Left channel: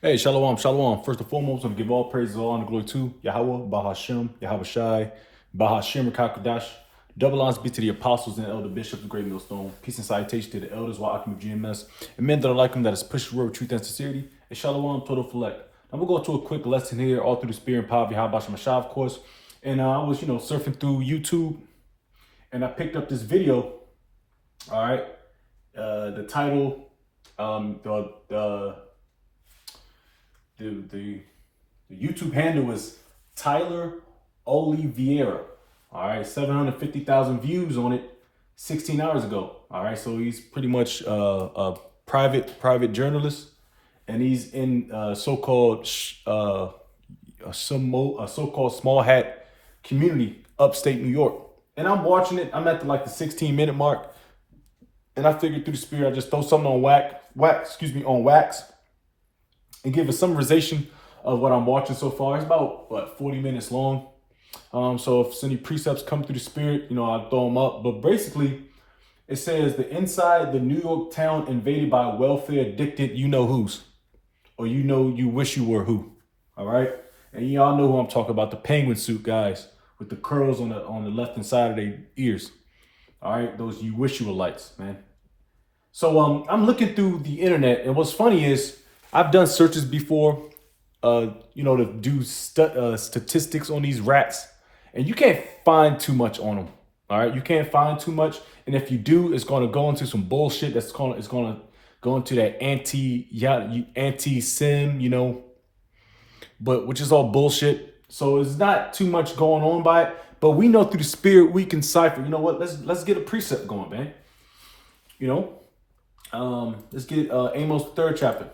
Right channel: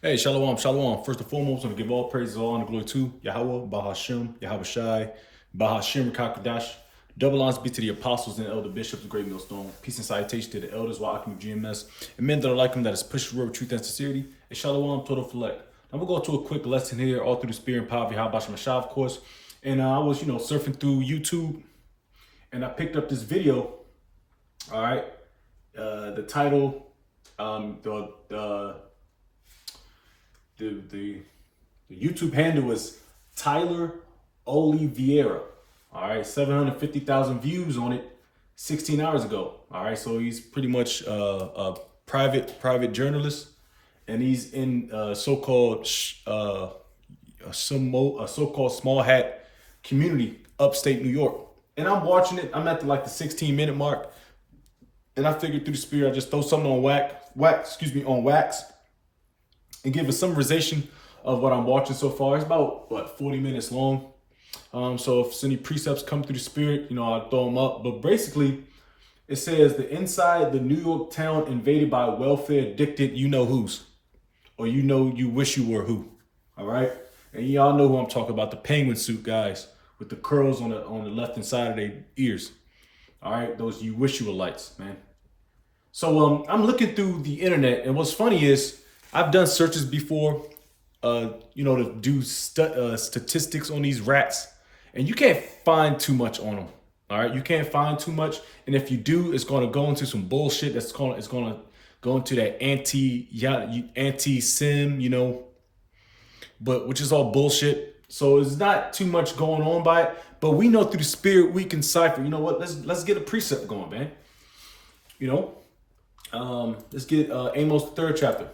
Hey, shalom, shalom. First and foremost, I'm gonna give all praise, all honor, glory to Yahweh, Bahashem, Yahweh Shai, Bahashem, Rakakadash. Double honors be to the apostles and elder bishops of Great Millstone. Peace and salutation to the elders, Wa'akim of GMS, and men that are like them that is pushed the word of truth and sincerity. And shalom, total select. Now we'll go to a quick lesson here, all through the spirit and power of Yahweh Bashem Mashah, of course. And I was, surfing through YouTube, and I picked up this video. All right, the title, the YouTube handle was Tyler Oliveira. All right, 750,000 views on it 16 hours ago. All right, so he's pretty much a private journalist, and he's in so-called a so-called small hat community upstate New York. And I'm watching it. I'm at the 16-minute mark, and I figured through the spirit I just throw something on wax, and give a summarization of what I'm watching so far. It's about 40 minutes long. So if any precepts come through the spirit, I'll throw them up. But basically, it says the inside the New York town invaded by welfare addicted you-know-who's, or you wish you were who. All right, and y'all know who I'm talking about, the penguin suit guys with the curls on the left hand side of their ears. All right, those you wish you were lights, man. So I'm looking through the internet, and what's funny is I've done searches before, to do statistics on these rats, and you can't find too much on them. All right, you can't find too much, and if you do, it's going to go into some bullshit. It's going to go into that anti-sim, but which is all bullshit. So it's not too much going on by it, but we know through the spirit we can cipher. You know what? Let's get a precept going, man. Let's get Amos the third chapter.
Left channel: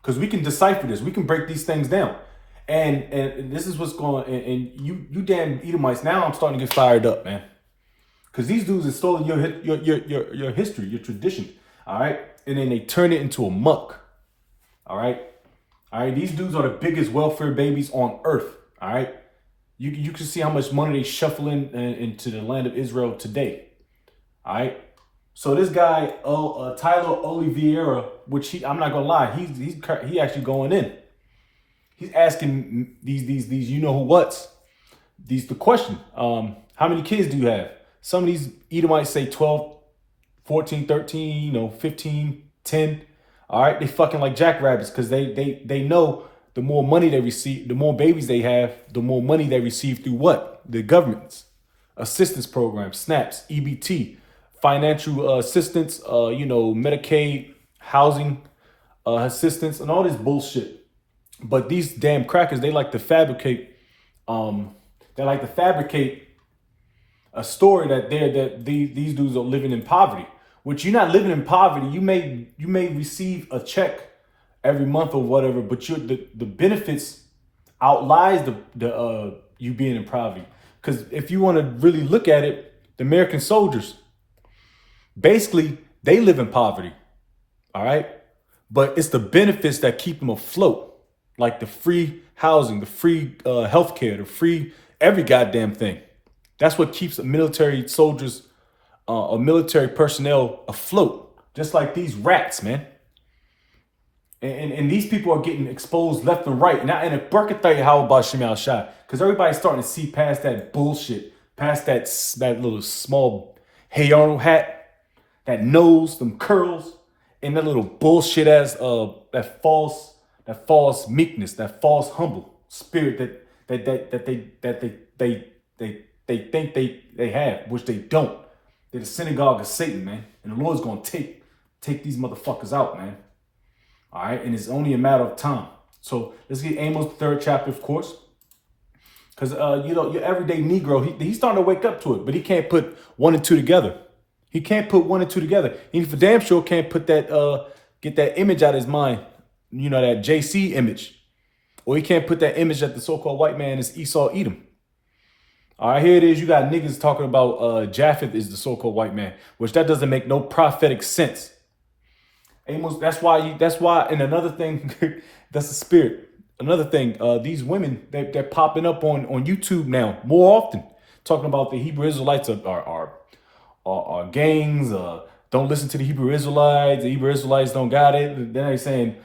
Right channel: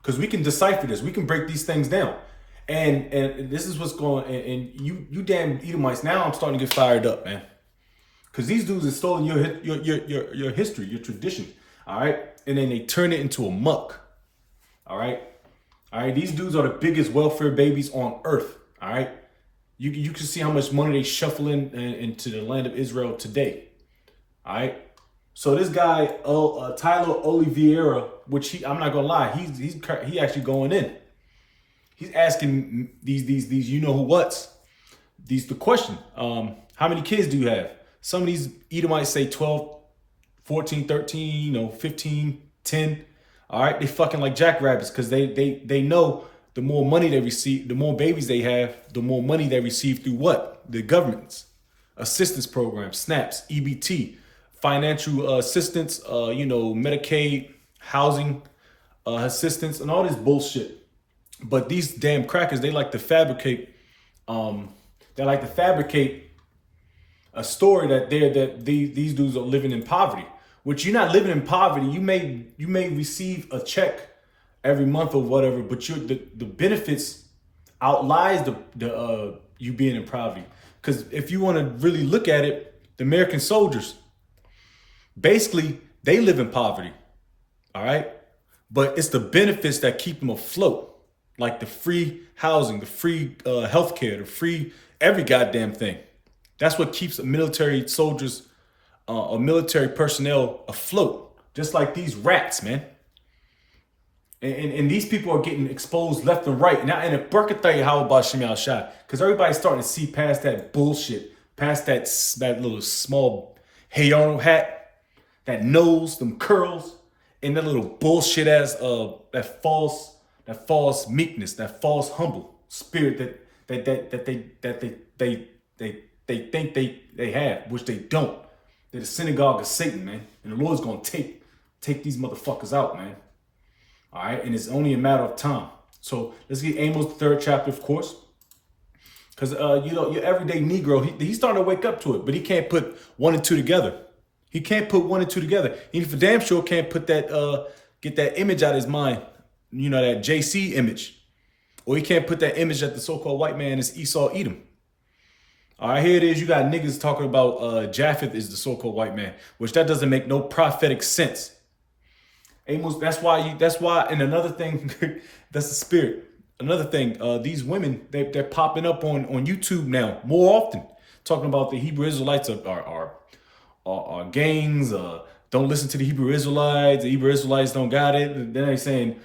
Because we can decipher this. We can break these things down. And this is what's going on. And you damn Edomites, now I'm starting to get fired up, man. Because these dudes have stolen your history, your tradition. All right. And then they turn it into a muck. All right. All right. These dudes are the biggest welfare babies on earth. All right. You can see how much money they shuffle into the land of Israel today. All right. So this guy, Tyler Oliveira, which I'm not gonna lie, he actually going in. He's asking these you know who what's the question. How many kids do you have? Some of these Edomites say 12, 14, 13, 15, 10. All right, they fucking like jackrabbits because they know the more money they receive, the more babies they have, the more money they receive through what? The government's assistance program, SNAPs, EBT, financial assistance, Medicaid, housing assistance, and all this bullshit. But these damn crackers, they like to fabricate. A story that these dudes are living in poverty. Which you're not living in poverty. You may receive a check every month or whatever, but the benefits outlies the you being in poverty. Because if you want to really look at it, the American soldiers, basically, they live in poverty, all right? But it's the benefits that keep them afloat, like the free housing, the free healthcare, the free every goddamn thing. That's what keeps military soldiers or military personnel afloat, just like these rats, man. And these people are getting exposed left and right. And if Burkatay, how about Shemal Shah? Because everybody's starting to see past that bullshit, past that little small Hayon hat, that nose, them curls, and that little bullshit ass that false meekness, that false humble spirit that they think they have, which they don't. They're the synagogue of Satan, man. And the Lord's gonna take these motherfuckers out, man. All right, and it's only a matter of time. So let's get Amos the third chapter, of course. Because your everyday Negro, he's starting to wake up to it, but he can't put one and two together. He can't put one and two together. He for damn sure can't put get that image out of his mind, that JC image. Or he can't put that image that the so-called white man is Esau Edom. All right, here it is. You got niggas talking about Japheth is the so-called white man, which that doesn't make no prophetic sense. Amos, that's why, and another thing, that's the spirit. Another thing, these women, they're popping up on YouTube now more often, talking about the Hebrew Israelites are gangs, don't listen to the Hebrew Israelites don't got it. Then they saying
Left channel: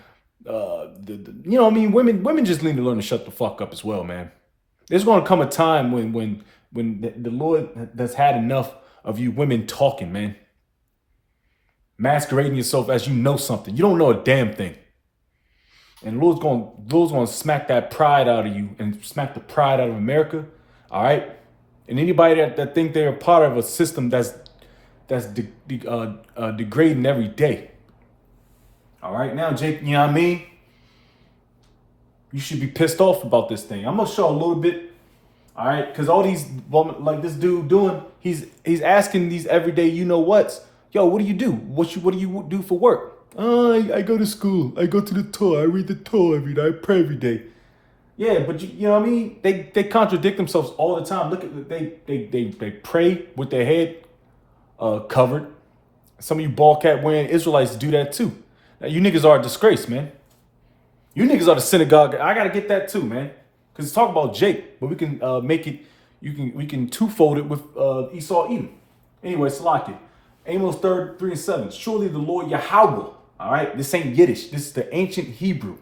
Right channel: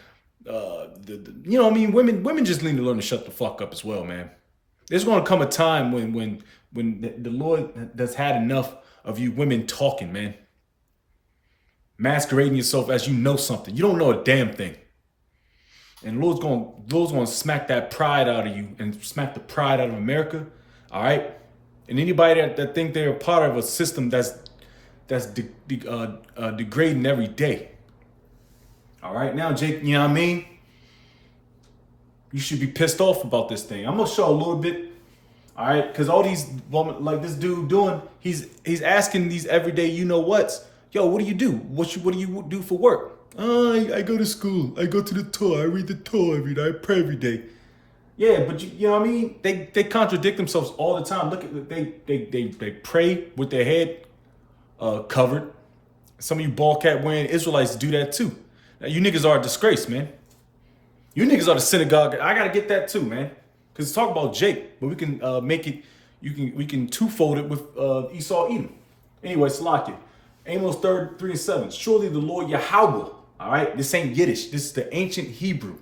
you know what I mean? Women just need to learn to shut the fuck up as well, man. There's going to come a time when the Lord has had enough of you women talking, man. Masquerading yourself as you know something. You don't know a damn thing. And Lord's going to smack that pride out of you and smack the pride out of America. All right? And anybody that think they're a part of a system that's degrading every day. All right? Now, Jake, you know what I mean? You should be pissed off about this thing. I'm going to show a little bit. All right? Because all these, like this dude doing, he's asking these everyday you know what's. Yo, what do you do? What do you do for work? I go to school. I go to the Torah. I read the Torah every day. I pray every day. Yeah, but you know what I mean? They contradict themselves all the time. Look at they pray with their head covered. Some of you ball cap wearing Israelites do that too. Now, you niggas are a disgrace, man. You niggas are the synagogue. I gotta get that too, man. Because talk about Jake, but we can make it. We can twofold it with Esau Edom. Anyway, Salaki. Amos 3:7. Surely the Lord Yahweh. All right, this ain't Yiddish. This is the ancient Hebrew.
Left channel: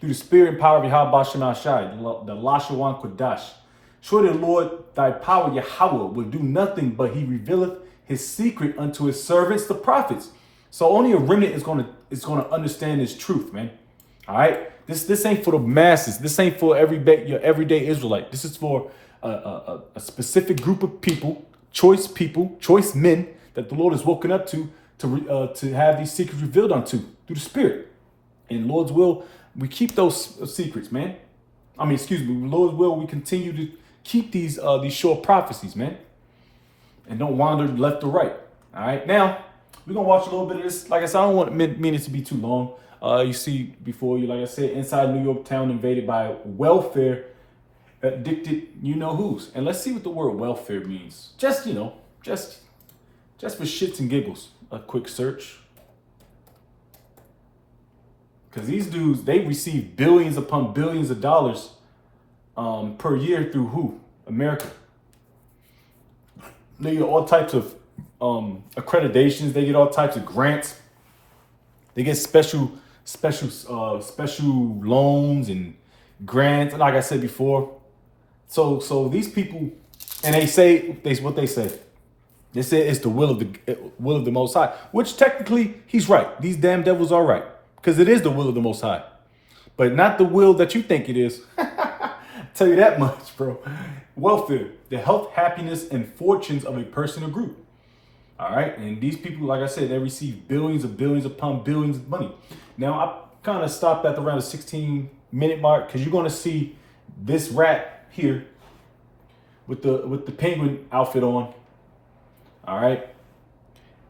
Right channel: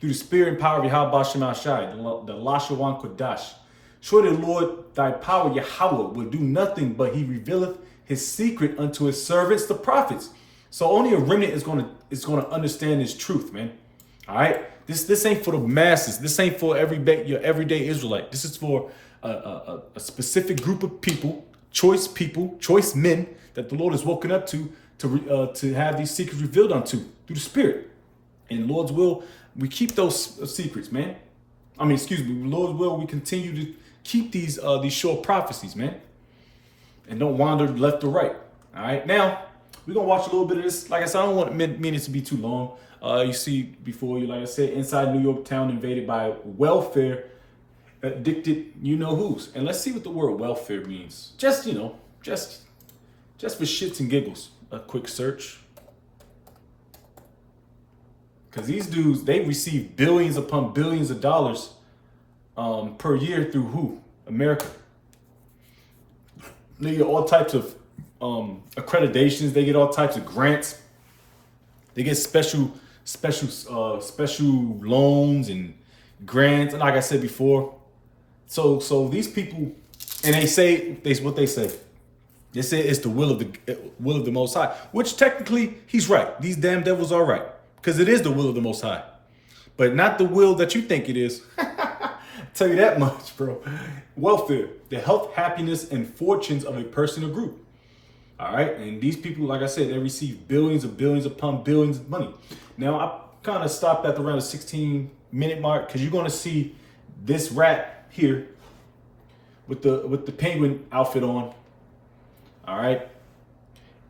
Through the spirit and power of Yahweh Shemashai, the Lashawan Kodash. Surely the Lord thy power Yahweh will do nothing, but he revealeth his secret unto his servants, the prophets. So only a remnant is gonna understand this truth, man. All right, this ain't for the masses. This ain't for your everyday Israelite. This is for a specific group of people, choice men that the Lord has woken up to have these secrets revealed unto through the Spirit. In Lord's will, we keep those secrets, man. Lord's will, we continue to keep these short prophecies, man, and don't wander left or right. All right, now we're gonna watch a little bit of this. Like I said, I don't want mean it to be too long. You see before you, like I said, inside New York town invaded by welfare addicted you know who's, and let's see what the word welfare means. Just for shits and giggles, a quick search. Because these dudes, they receive billions upon billions of dollars per year through who? America. They get all types of accreditations. They get all types of grants. They get special loans and grants. Like I said before. So these people, and they say what they say. They say it's the will of the Most High, which technically he's right. These damn devils are right, because it is the will of the Most High, but not the will that you think it is. Tell you that much, bro. Welfare, the health, happiness, and fortunes of a person or group. All right, and these people, like I said, they receive billions upon billions of money. Now, I kind of stopped at around the 16-minute mark because you're going to see this rat here with the penguin outfit on. All right.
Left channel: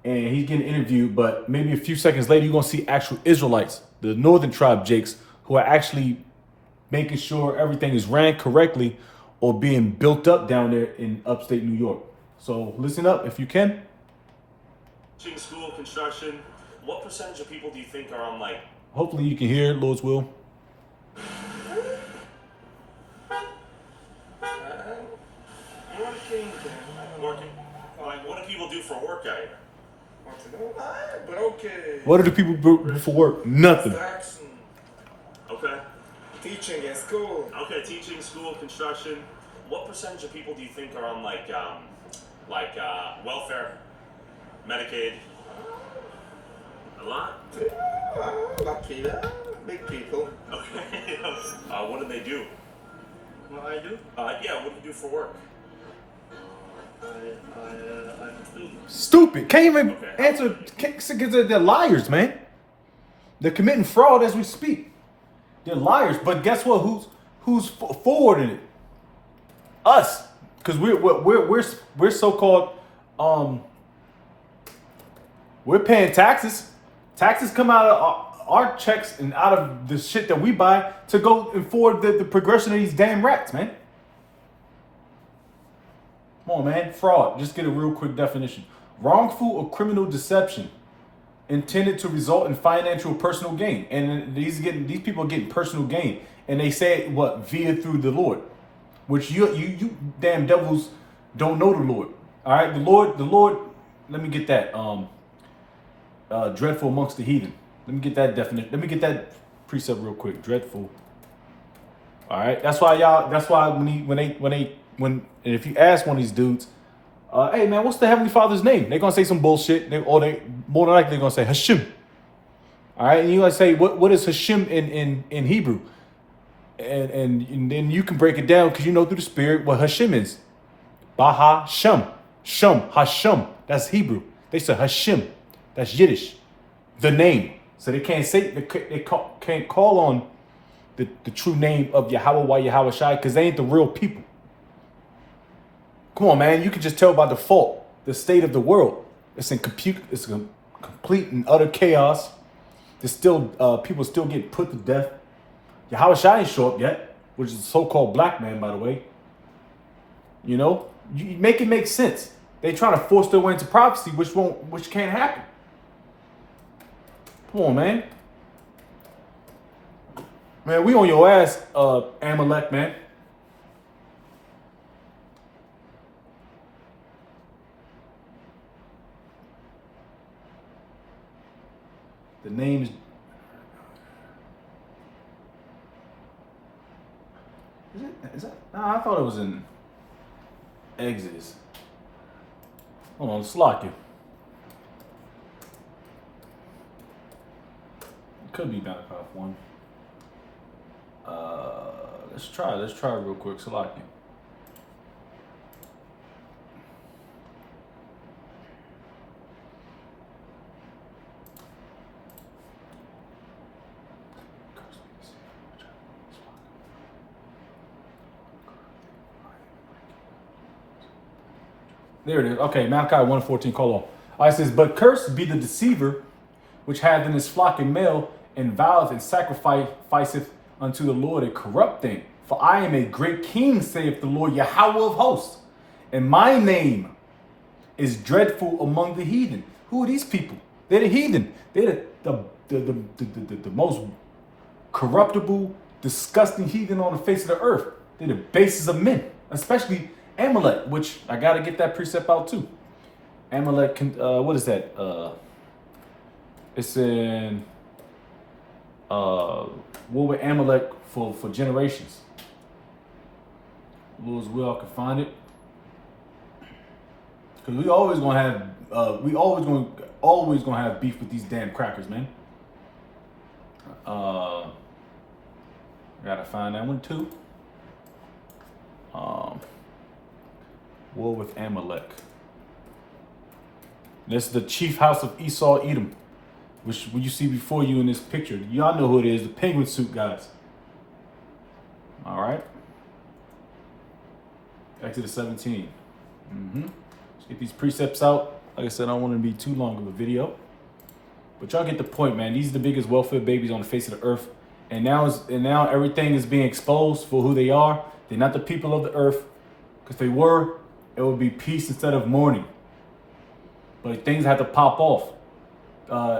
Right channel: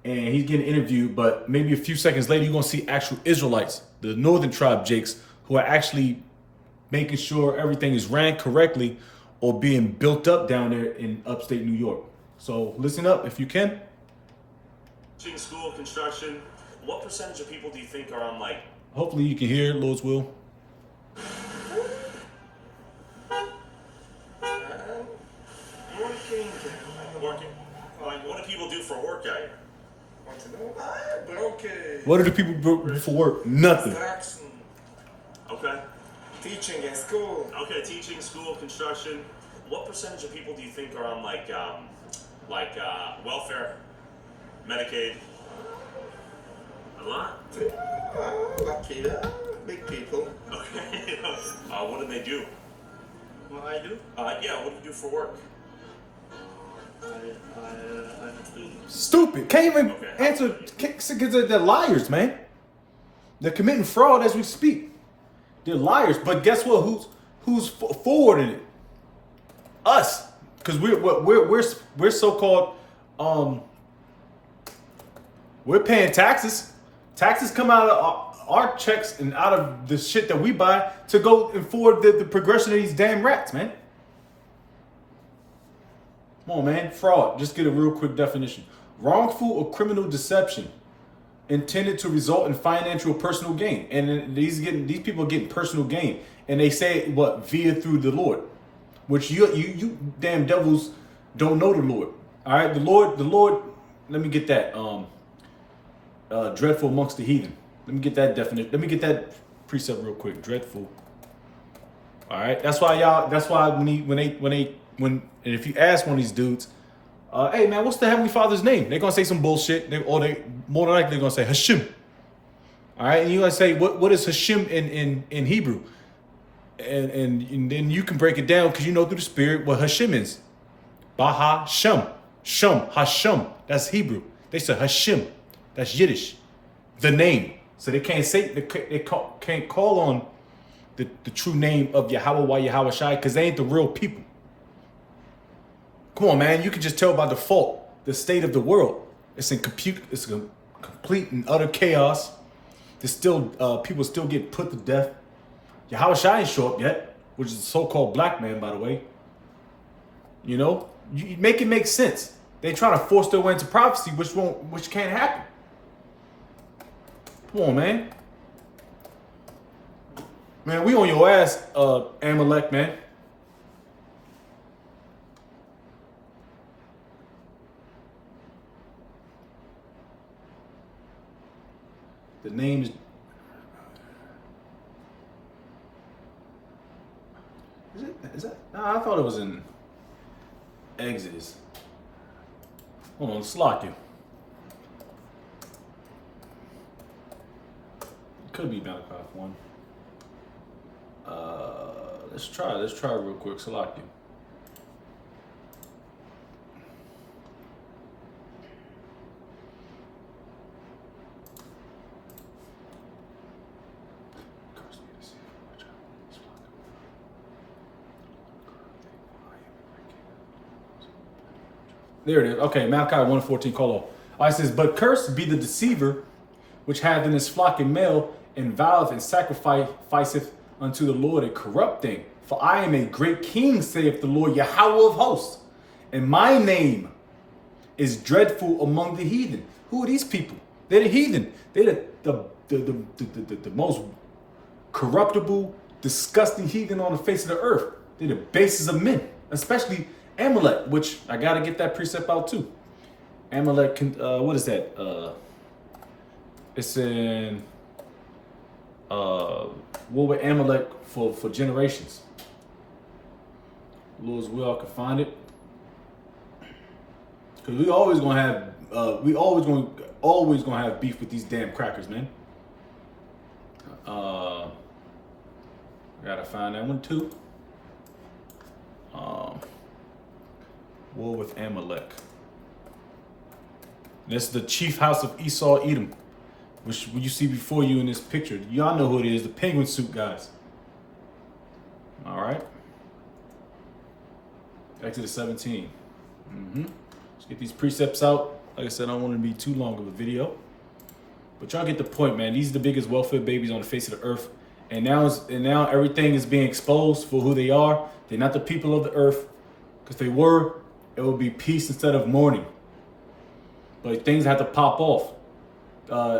And he's getting interviewed, but maybe a few seconds later, you're going to see actual Israelites, the northern tribe Jakes, who are actually making sure everything is ran correctly or being built up down there in upstate New York. So listen up if you can. Teaching, school, construction, what percentage of people do you think are on like? Hopefully you can hear it, Lord's will. Working. Like, what do people do for work out here? What do the people do for work? Nothing. Okay. Teaching in school. Okay, teaching, school, construction. What percentage of people do you think are on like welfare, Medicaid? A lot. Lucky, big people. Okay. What do they do? What I do? Yeah. What do you do for work? I'm a student. Stupid. Can't even answer. They're liars, man. They're committing fraud as we speak. They're liars. But guess what? Who's forwarding it? Us, because we're so-called we're paying taxes. Taxes come out of our checks and out of the shit that we buy to go and forward the progression of these damn rats, man. Come on, man. Fraud. Just get a real quick definition. Wrongful or criminal deception intended to result in financial or personal gain. And these people are getting personal gain. And they say what? Via through the Lord. Which you damn devils don't know the Lord. All right? The Lord, let me get that. Dreadful amongst the heathen. Let me get that definition. Let me get that precept real quick. Dreadful. All right. That's why y'all. That's why and if you ask one of these dudes, hey man, what's the Heavenly Father's name? They're gonna say some bullshit, or they more than likely they're gonna say Hashem. All right, and you gonna say what is Hashem in Hebrew, and then you can break it down because you know through the Spirit what Hashem is. Baha Shem, Hashem. That's Hebrew. They say Hashem. That's Yiddish. The name. So they can't say can't call on the true name of Yahweh Yahweh Shai because they ain't the real people. Come on, man. You can just tell by default the state of the world. It's in complete and utter chaos. There's still people still get put to death. Yahweh Shai ain't show up yet, which is a so-called black man, by the way. You know, you make it make sense. They trying to force their way into prophecy, which can't happen. Come on, man. Man, we on your ass, Amalek, man. The name is that? Nah, I thought it was in Exodus. Hold on, Slocky. It could be Malachi 1. Let's try real quick, Slocky. There it is. Okay, Malachi 1:14, call off. It says, but cursed be the deceiver which hath in his flock a male, and voweth and sacrificeth unto the Lord a corrupt thing. For I am a great king, saith the Lord Yahweh of hosts, and my name is dreadful among the heathen. Who are these people? They're the heathen. They're the most corruptible, disgusting heathen on the face of the earth. They're the bases of men, especially Amalek, which I gotta get that precept out too. Amalek, what is that? It's in war with Amalek for generations. Lord's will, I can find it. Cause we always gonna have beef with these damn crackers, man. Gotta find that one too. War with Amalek. This is the chief house of Esau, Edom, which you see before you in this picture. Y'all know who it is, the penguin suit guys. All right. Exodus 17. Let's get these precepts out. Like I said, I don't want to be too long of a video, but y'all get the point, man. These are the biggest welfare babies on the face of the earth, and now everything is being exposed for who they are. They're not the people of the earth, because if they were, it would be peace instead of mourning. But things had to pop off.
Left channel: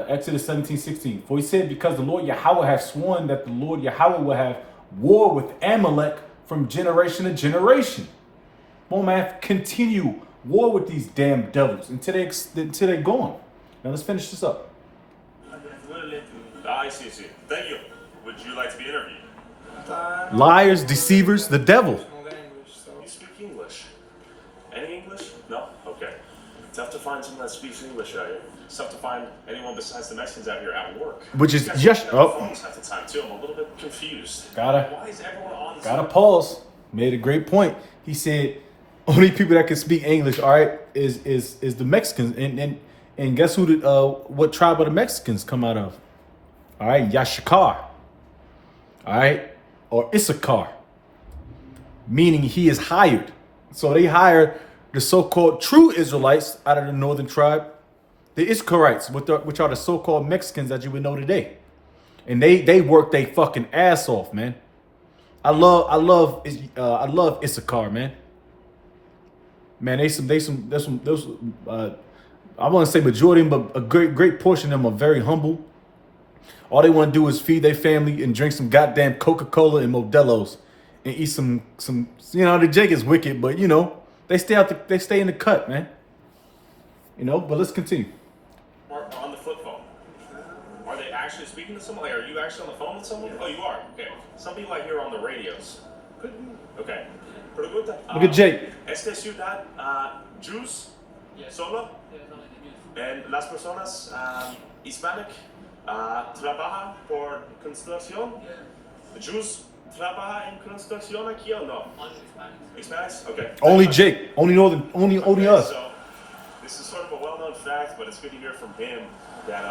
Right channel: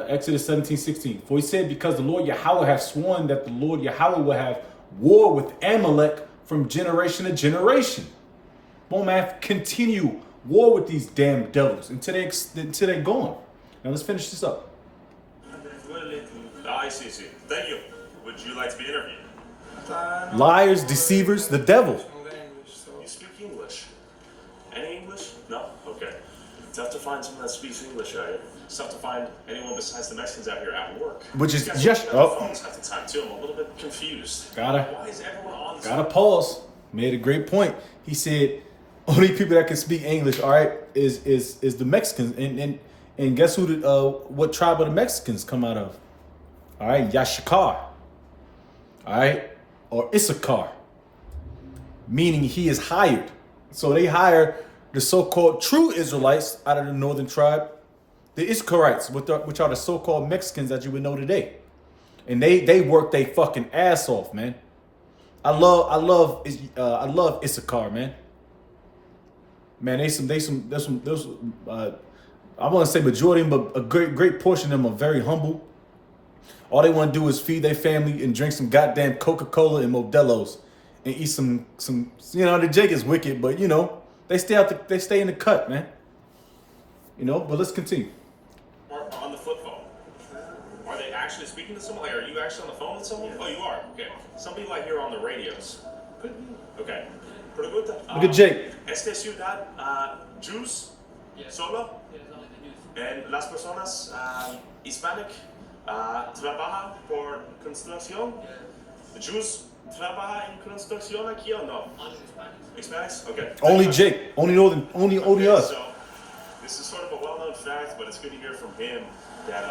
Exodus 17:16. For he said, because the Lord Yahweh has sworn that the Lord Yahweh will have war with Amalek from generation to generation. Well, man, continue war with these damn devils until they're gone. Now let's finish this up. I see. Thank you. Would you like to be interviewed? Liars, deceivers, the devil. You speak English. Any English? No? Okay. Tough to find someone that speaks English out here. It's tough to find anyone besides the Mexicans out here at work. Which is just phones half the time too. I'm a little bit confused. Why is everyone on? Gotta pause. Made a great point. He said only people that can speak English, all right, is the Mexicans. And guess who what tribe of the Mexicans come out of? All right, Yashikar. All right, or Issachar, meaning he is hired. So they hire the so-called true Israelites out of the northern tribe, the Issacharites, which are the so-called Mexicans that you would know today, and they work their fucking ass off, man. I love Issachar, man. Man, I want to say majority, but a great portion of them are very humble. All they want to do is feed their family and drink some goddamn Coca-Cola and Modelo's and eat some. The Jake is wicked, but they stay in the cut, man. But let's continue. On the flip phone, are they actually speaking to someone? Like, are you actually on the phone with someone? Oh, you are. Okay. Some people I hear on the radios. Okay. Pregunta. Look at Jake. Esta ciudad, Jews, solo, and las personas hispanic trabajan por construcción. Jews trabajan en construcción aquí o no? Hispanics? Okay. Only Jake. Only Okay, us. so this is sort of a well-known fact, but it's good to hear from him that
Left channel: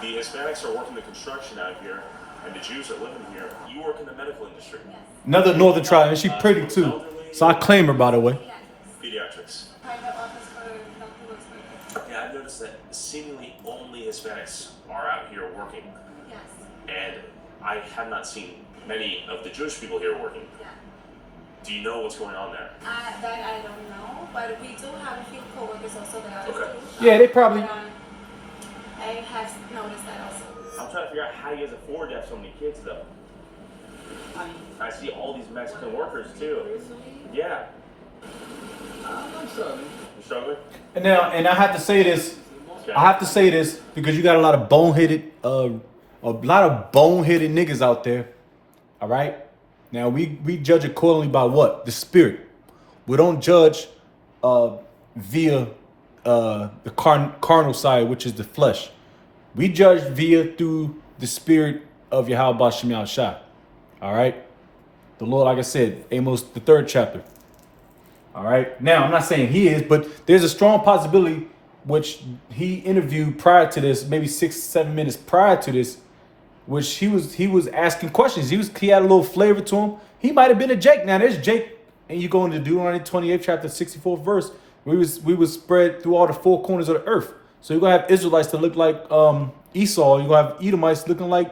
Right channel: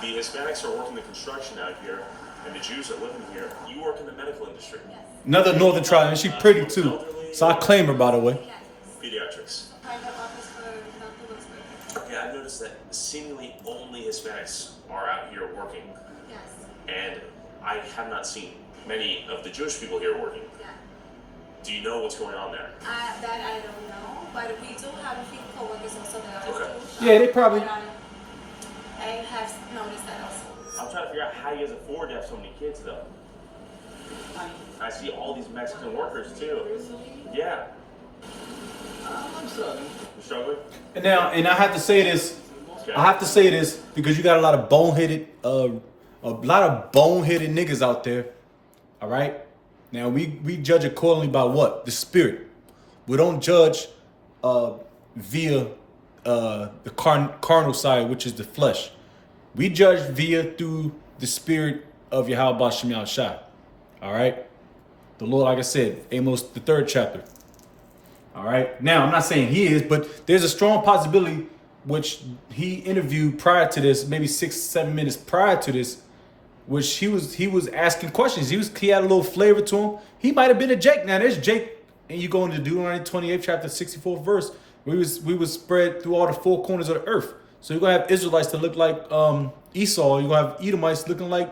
the Hispanics are working the construction out here, and the Jews are living here. You work in the medical industry. Yes. Another northern tribe, and she pretty too. So I claim her, by the way. Yes. Pediatrics. Private office for Dr. Wilson. Yeah, I've noticed that seemingly only Hispanics are out here working, Yes. and I have not seen many of the Jewish people here working. Yeah. Do you know what's going on there? That I don't know, but we do have a few coworkers also that are Okay. Jewish. Yeah, they probably- But, I have noticed that also. I'm trying to figure out how you guys afford to have so many kids, though. I see all these Mexican workers too. Yeah. I'm sorry. You struggling? And now, and I have to say this. Okay. I have to say this because you got a lot of boneheaded niggas out there. All right. Now we judge accordingly by what? The spirit. We don't judge via the carnal side, which is the flesh. We judge via through the spirit of Yahweh Shem Shah. All right. The Lord, like I said, Amos, the 3rd chapter. All right. Now, I'm not saying he is, but there's a strong possibility, which he interviewed prior to this, maybe 6-7 minutes prior to this, which he was asking questions. He had a little flavor to him. He might have been a Jake. Now, there's Jake, and you go into Deuteronomy 28th chapter, 64th verse. We was spread through all the 4 corners of the earth. So you're gonna have Israelites that look like Esau. You're gonna have Edomites looking like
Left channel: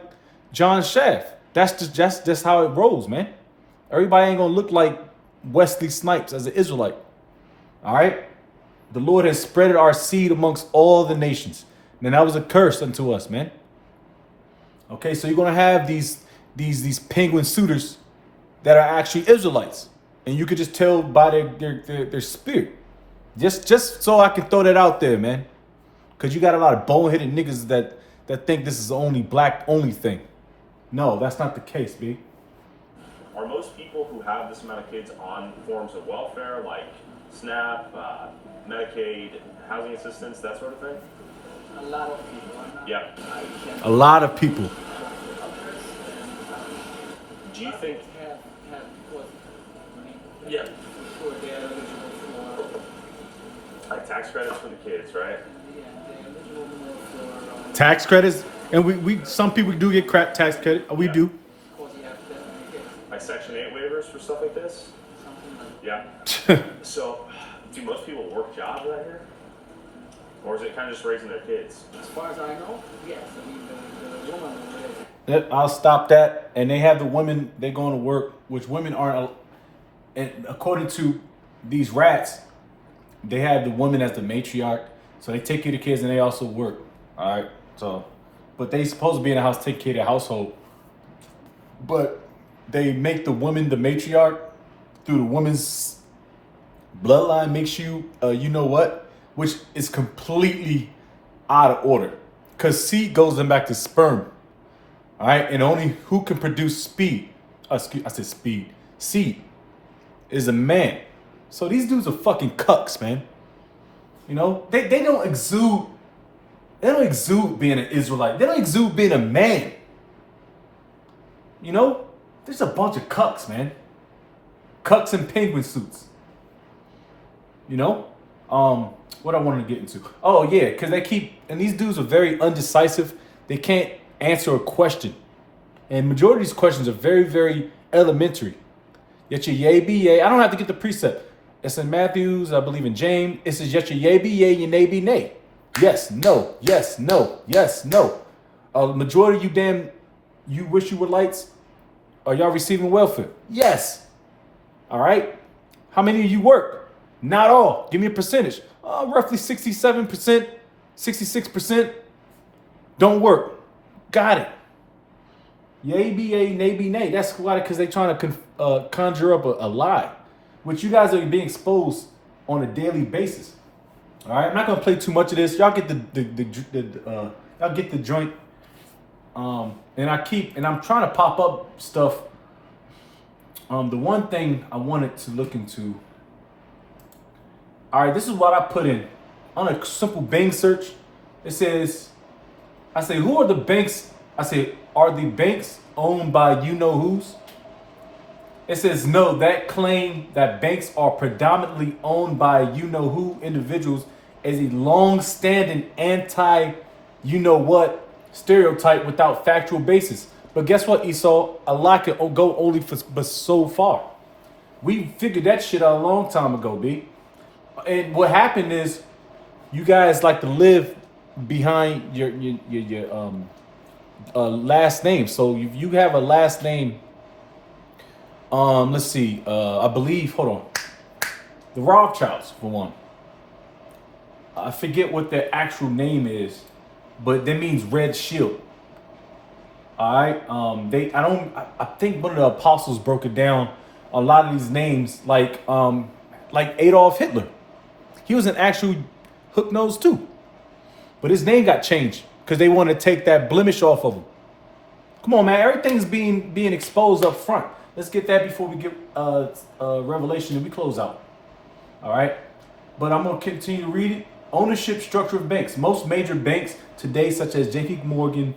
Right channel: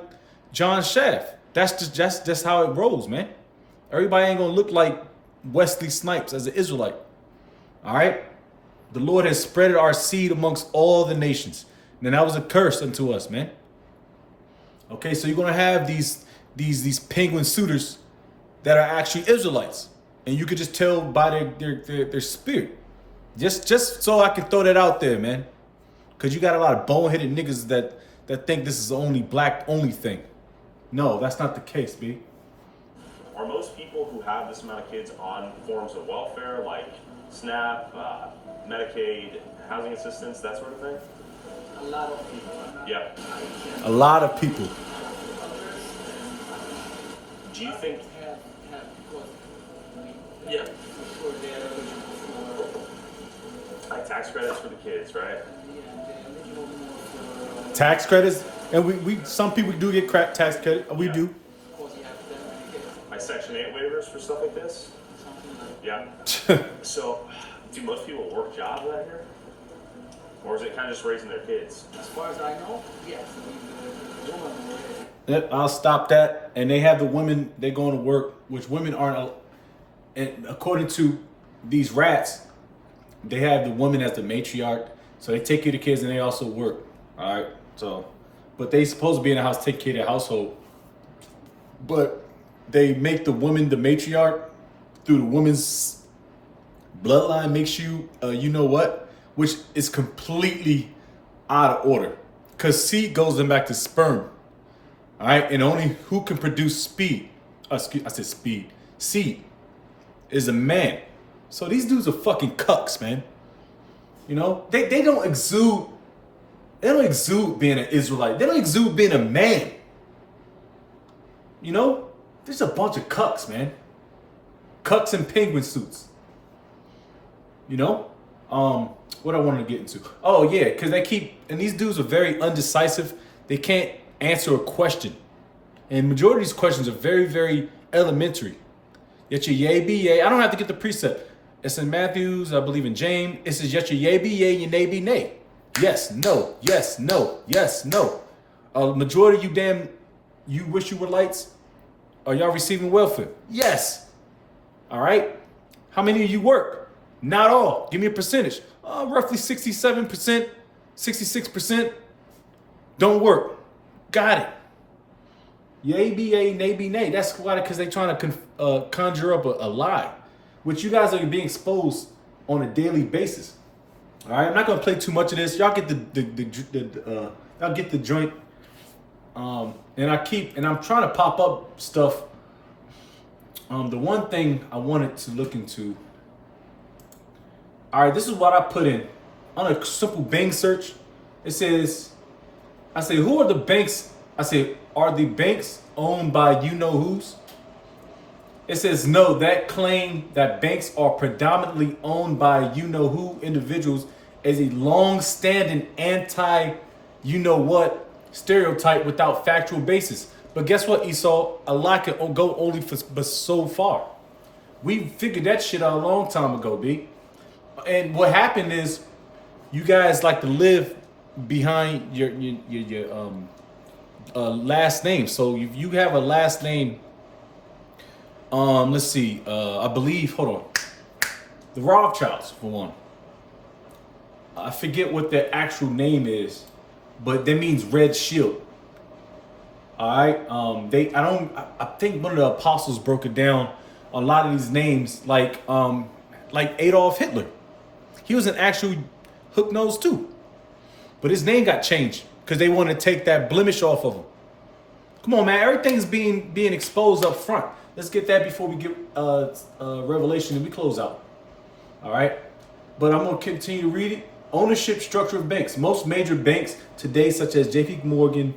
John Shaft. That's just how it rolls, man. Everybody ain't gonna look like Wesley Snipes as an Israelite. All right. The Lord has spread our seed amongst all the nations. And that was a curse unto us, man. Okay, so you're gonna have these penguin suitors that are actually Israelites, and you could just tell by their spirit. Just so I can throw that out there, man, because you got a lot of boneheaded niggas that think this is the only black only thing. No, that's not the case, B. Are most people who have this amount of kids on forms of welfare like SNAP, Medicaid, housing assistance, that sort of thing? A lot of people are not. Yeah. A lot of people. Do you think? Have what? Yeah. For sure they are eligible for. Like tax credits for the kids, right? Yeah, they're eligible more for. Tax credits, and we some people do get crap tax credit. We do. Of course, you have to definitely get Like Section 8 waivers for stuff like this? something like. Yeah. So, do most people work jobs out here? Or is it kind of just raising their kids? As far as I know, yes. I mean, the woman. I'll stop that. And they have the women, they going to work, which women aren't. And according to these rats, they have the woman as the matriarch. So they take care of the kids and they also work. All right. So, but they supposed to be in the house, take care of the household. But they make the woman the matriarch through the woman's bloodline makes you, you know what? Which is completely out of order. Because seed goes them back to sperm. All right, and only who can produce speed, I said speed, seed, is a man. So these dudes are fucking cucks, man. You know, they don't exude being an Israelite. They don't exude being a man. You know, there's a bunch of cucks, man. Cucks in penguin suits. You know? What I wanted to get into. Oh yeah, because and these dudes are very undecisive. They can't answer a question. And majority of these questions are very, very elementary. Yet your yea be yea. I don't have to get the precept. It's in Matthews, I believe in James. It says yet your yea be yea, your nay be nay. Yes, no, yes, no, yes, no. Majority of you wish you were lights. Are y'all receiving welfare? Yes. All right. How many of you work? Not all. Give me a percentage. Roughly 67%, 66% don't work. Got it. Yay be yay, nay be nay. That's why, because they're trying to conjure up a lie, which you guys are being exposed on a daily basis. All right, I'm not gonna play too much of this. Y'all get y'all get the joint. And I'm trying to pop up stuff. The one thing I wanted to look into. All right, this is what I put in on a simple Bing search. It says, I say, who are the banks? I say, are the banks owned by you know who's? It says no. That claim that banks are predominantly owned by you know who individuals is a long-standing anti, you know what stereotype without factual basis. But guess what, Esau? A lot can go only for but so far. We figured that shit out a long time ago, B. And what happened is, you guys like to live behind your last name. So if you have a last name, let's see, I believe, hold on, the Rothschilds for one. I forget what their actual name is, but that means red shield. All right. I think one of the apostles broke it down. A lot of these names, like Adolf Hitler, he was an actual hook nose too, but his name got changed because they want to take that blemish off of him. Come on, man. Everything's being exposed up front. Let's get that before we get Revelation and we close out. All right. But I'm going to continue to read it. Ownership structure of banks. Most major banks today, such as JP Morgan,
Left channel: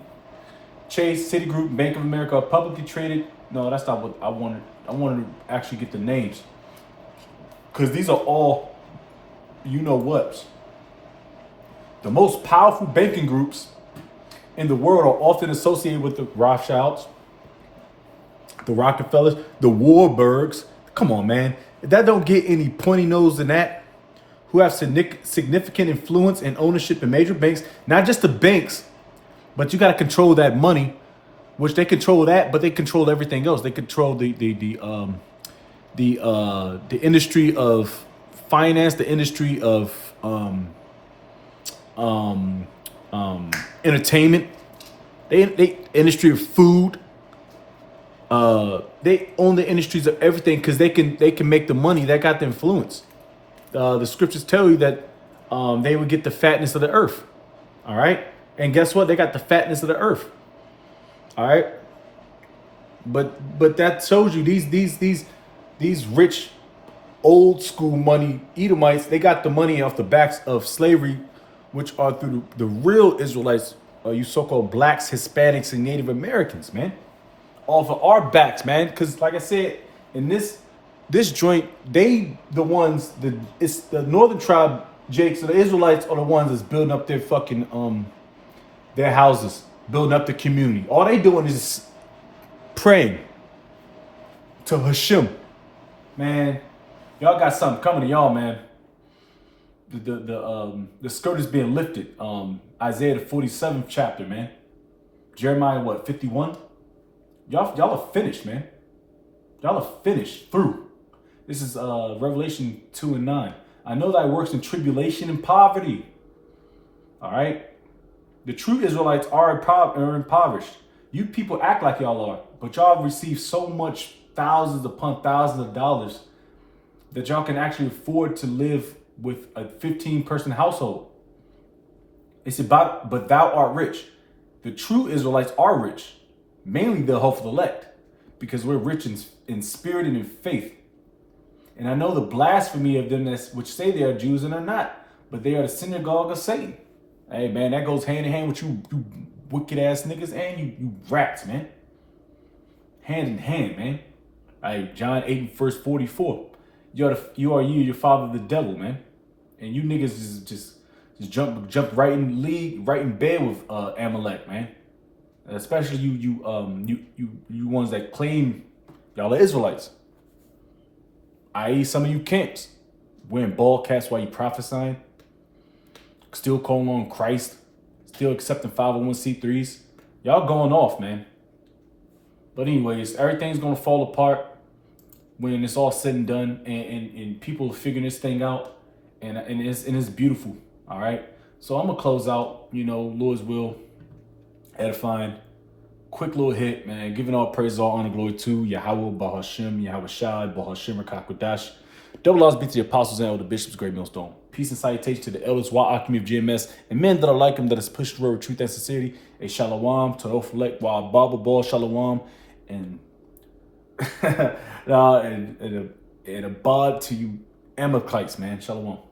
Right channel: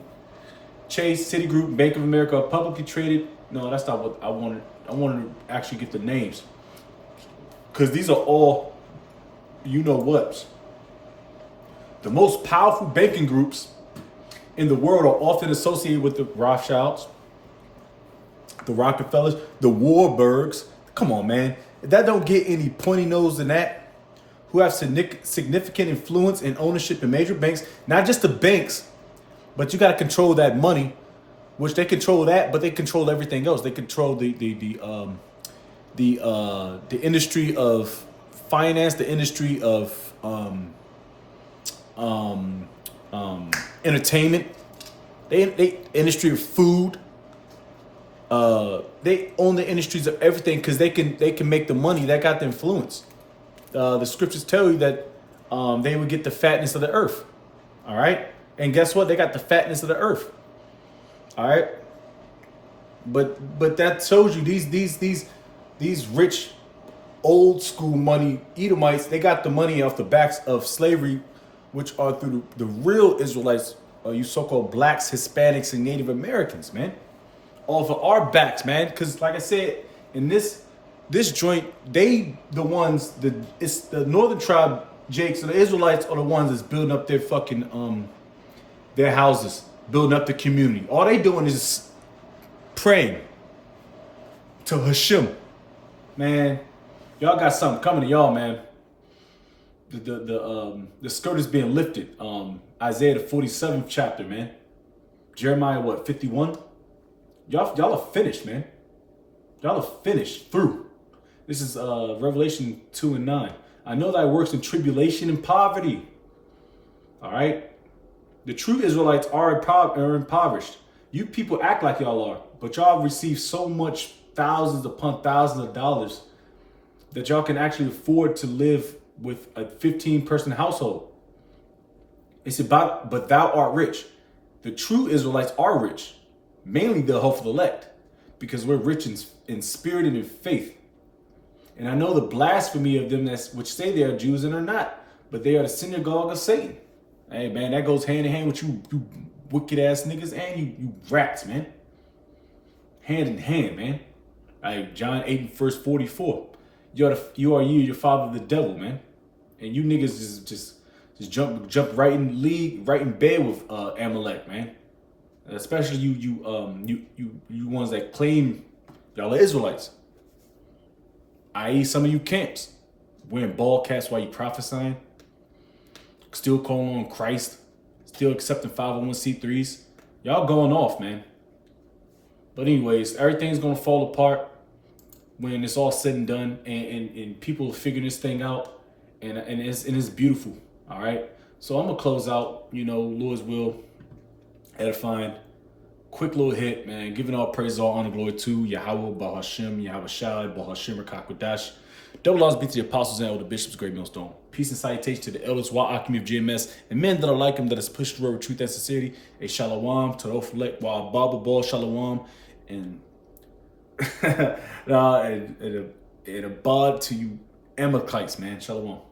Chase, Citigroup, Bank of America, are publicly traded. No, that's not what I wanted. I wanted to actually get the names, because these are all you know what's. The most powerful banking groups in the world are often associated with the Rothschilds, the Rockefellers, the Warburgs. Come on, man. That don't get any pointy nose than that. Who have significant influence and ownership in major banks. Not just the banks, but you got to control that money, which they control that, but they control everything else. They control the industry of finance, the industry of entertainment, they industry of food. They own the industries of everything because they can make the money. That got the influence. The scriptures tell you that they would get the fatness of the earth. All right, and guess what? They got the fatness of the earth. All right, but that shows you these rich old school money Edomites. They got the money off the backs of slavery, which are through the real Israelites, you so-called blacks, Hispanics, and Native Americans, man. Off of our backs, man. Because like I said, in this joint, they the ones it's the northern tribe, Jake. So the Israelites are the ones that's building up their fucking their houses, building up the community. All they doing is praying to Hashem, man. Y'all got something coming to y'all, man. The skirt is being lifted. Isaiah the 47th chapter, man. Jeremiah what 51. Y'all are finished, man. Y'all are finished through. This is Revelation 2 and 9. I know thy works in tribulation and poverty. All right. The true Israelites are impoverished. You people act like y'all are, but y'all receive so much, thousands upon thousands of dollars, that y'all can actually afford to live with a 15-person household. It's about, but thou art rich. The true Israelites are rich, mainly the hopeful elect, because we're rich in spirit and in faith. And I know the blasphemy of them which say they are Jews and are not, but they are the synagogue of Satan. Hey, man, that goes hand in hand with you wicked ass niggas and you rats, man. Hand in hand, man. All right, John 8 and verse 44. You are your father the devil, man. And you niggas just jump right in league, right in bed with Amalek, man. Especially you ones that claim y'all are Israelites. I.e. some of you camps wearing ball caps while you prophesying, still calling on Christ, still accepting 501c3s. Y'all going off, man. But anyways, everything's gonna fall apart when it's all said and done, and people are figuring this thing out, and it's beautiful. All right. So I'm gonna close out, Lord's will, edifying. Quick little hit, man. Giving all praise, all honor, glory to Yahweh, Bahashem, Yahweh Shai, Bahashem, Rakakwadash. Double laws be to the apostles and all the bishops, great millstone. Peace and salutation to the elders, Wa Akimi of GMS, and men that are like him that is pushed through truth and sincerity. A shalom to Oflek, Wa Baba Ball shalom, and and a bod to you Amalekites, man. Shalom.